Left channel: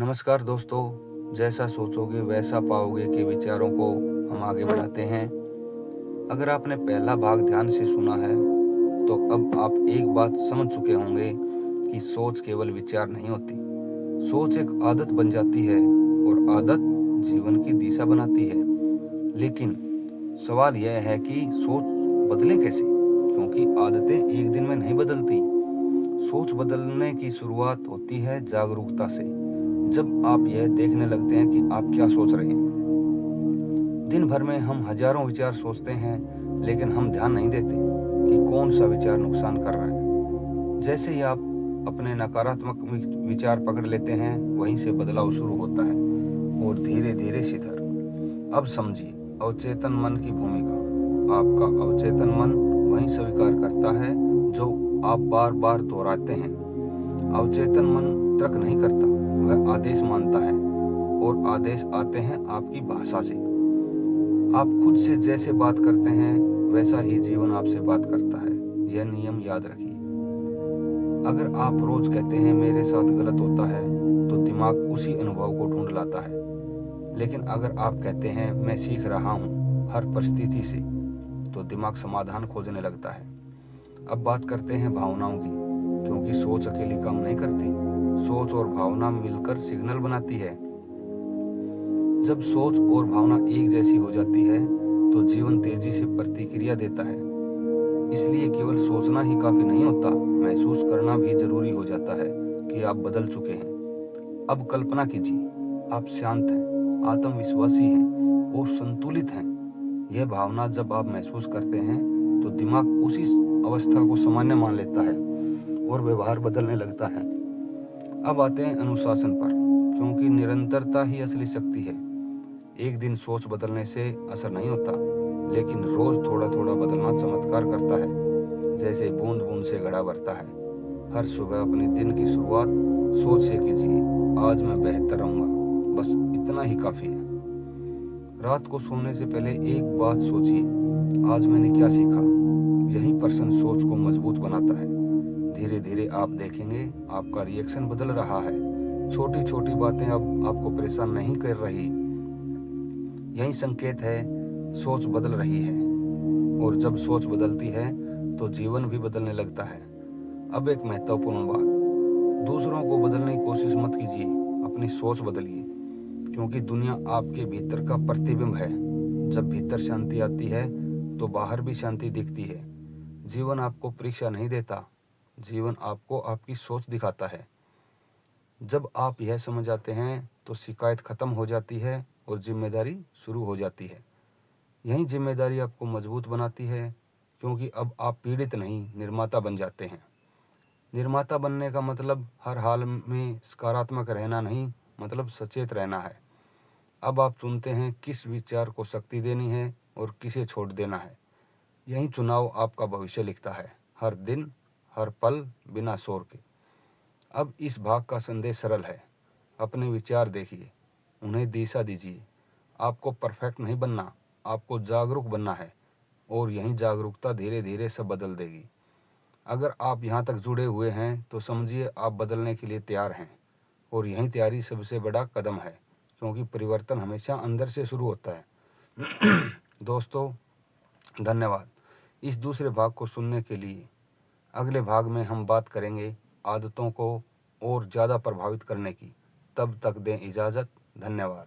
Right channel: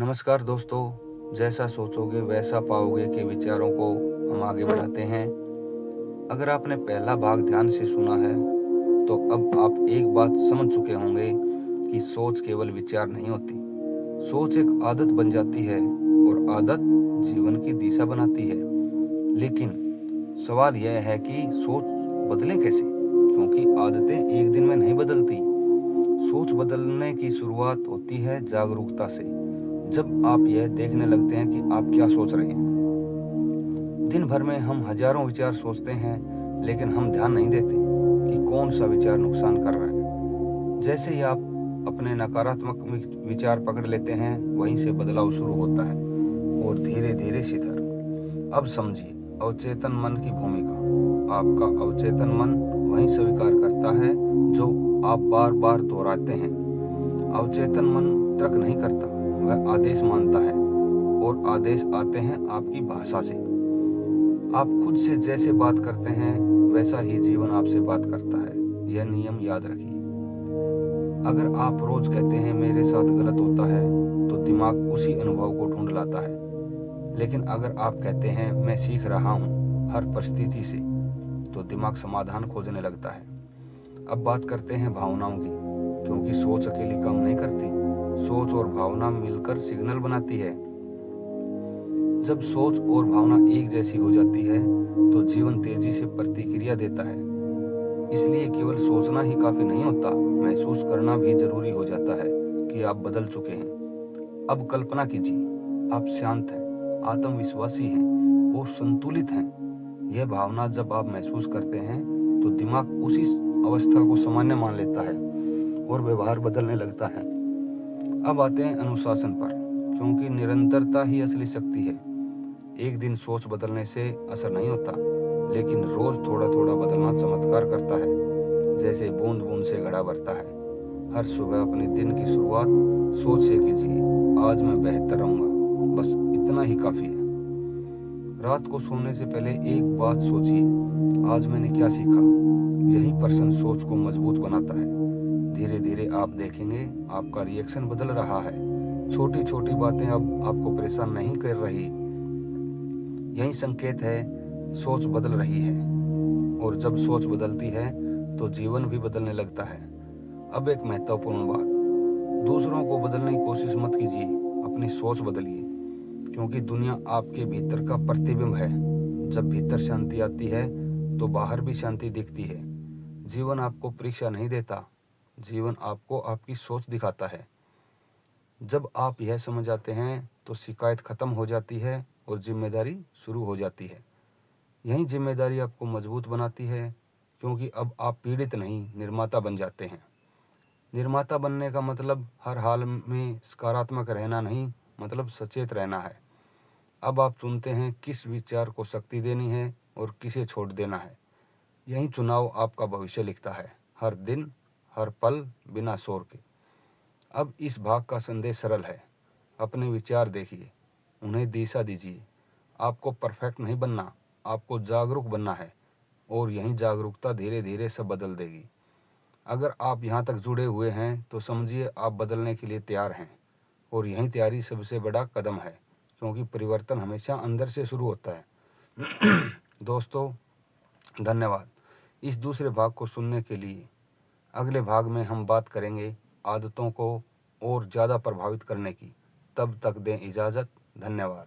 नमस्कार दोस्तों, जैसा सोचोगे वैसा पाओगे के विचारों को हम आगे बढ़ाते हैं। अगर आपने पहला भाग ध्यान से सुना है तो अब आप एक बात समझ चुके होंगे कि सोच केवल विचार नहीं होती। सोच एक आदत बन जाती है और आदत जीवन की दिशा बनाती है। लेकिन सवाल यह है कि सोच बदले कैसे, क्योंकि आदतें एक दिन में नहीं बदलती। सोच बदलने की शुरुआत होती है जागरूकता से। जब आप यह देखने लगते हैं कि आप क्या सोच रहे हैं। दिन भर में हम हजारों विचार सोचते हैं, लेकिन हम ध्यान नहीं देते कि कौन सा विचार नुकसान कर रहा है। जैसे ही आप अपने नकारात्मक विचार पकड़ लेते हैं, वहीं से बदलाव शुरू होता है और धीरे धीरे सिधर। अब समझिए अवचेतन मन की भूमिका। आपका अवचेतन मन वही स्वीकार करता है जो आप बार बार दोहराते हैं। अवचेतन मन तर्क नहीं करता, वह आदेश मानता है और आदेश आते हैं आपकी भाषा से। आप खुद से जैसे बात करते हैं वैसा ही जीवन आपसे बात करता है। यह नियम याद रखिए। अगर आप रोज कहते हैं मेरे साथ गलत होता है, तो दिमाग उसी अनुभव को ढूंढ लाता है। लेकिन अगर आप कहते हैं मैं सीख रहा हूँ हर परिस्थिति से, तो दिमाग समाधान खोजने लगता है। अब बात करते हैं भावनाओं की, क्योंकि सोच अकेली काम नहीं करती। सोच और भावना मिलकर सिग्नल बनाती है। जब सोच और भावना एक जैसी हो जाती है तो जीवन तेजी से प्रतिक्रिया देता है। इसलिए केवल सोचना ही काफी नहीं होता, महसूस करना भी जरूरी हो जाता है कि आप बदल चुके हैं। अब कल्पना कीजिए, आप शांत हैं, आत्मविश्वासी हैं और संतुलित हैं। यह भावना जब आप महसूस करते हैं तो दिमाग उसी अवस्था को सामान्य मान लेता है और व्यवहार बदलने लगता है। अब आते हैं अनुशासन पर, क्योंकि निरंतरता ही असली शक्ति है। एक दिन सोच बदलने से असर नहीं होता, लेकिन रोज थोड़ा थोड़ा बदलना चमत्कार करता है। जैसे बूंद बूंद से घड़ा भरता है। हर सुबह अपने दिन की शुरुआत सोच से कीजिए, आज मैं बेहतर रहूंगा, बस इतना ही काफी है। रात को सोने से पहले एक बात सोचिए, आज मैंने क्या सीखा। यही प्रश्न सोच को मजबूत बनाता है। धीरे धीरे आप देखेंगे आपका रिएक्शन बदल रहा है। छोटी छोटी बातें अब आपको परेशान नहीं कर रही। यही संकेत है सोच बदल रही है। और जब सोच बदलती है तो जीवन भी बदलने लगता है। अब एक महत्वपूर्ण बात, दूसरों को बदलने की कोशिश मत कीजिए, अपनी सोच बदलिए। क्योंकि दुनिया आपके भीतर का प्रतिबिंब है। जब भीतर शांति आती है तो बाहर भी शांति दिखती है। जीवन आपको परीक्षा नहीं देता, जीवन आपको आपकी सोच दिखाता है। जब आप यह समझ आते हैं तो शिकायत खत्म हो जाती है और जिम्मेदारी शुरू हो जाती है। यही जिम्मेदारी आपको मजबूत बनाती है, क्योंकि अब आप पीड़ित नहीं निर्माता बन जाते हैं। निर्माता बनने का मतलब हर हाल में सकारात्मक रहना नहीं, मतलब सचेत रहना है। अब आप चुनते हैं किस विचार को शक्ति देनी है और किसे छोड़ देना है। यही चुनाव आपका भविष्य लिखता है, हर दिन हर पल बिना शोर के। अब इस भाग का संदेश सरल है, अपने विचार देखिए, उन्हें दिशा दीजिए। आपको परफेक्ट नहीं बनना, आपको जागरूक बनना है और यही जागरूकता धीरे धीरे सब बदल देगी। अगर आप यहाँ तक जुड़े हुए हैं तो समझिए आप बदलने के लिए तैयार हैं और यही तैयारी सबसे बड़ा कदम है, क्योंकि परिवर्तन हमेशा अंदर से शुरू होता है। दोस्तों, धन्यवाद इस दूसरे भाग को सुनने के लिए। अगले भाग में हम बात करेंगे आदतों को और ज़्यादा प्रभावित करने की। तब तक दें इजाज़त। धन्यवाद।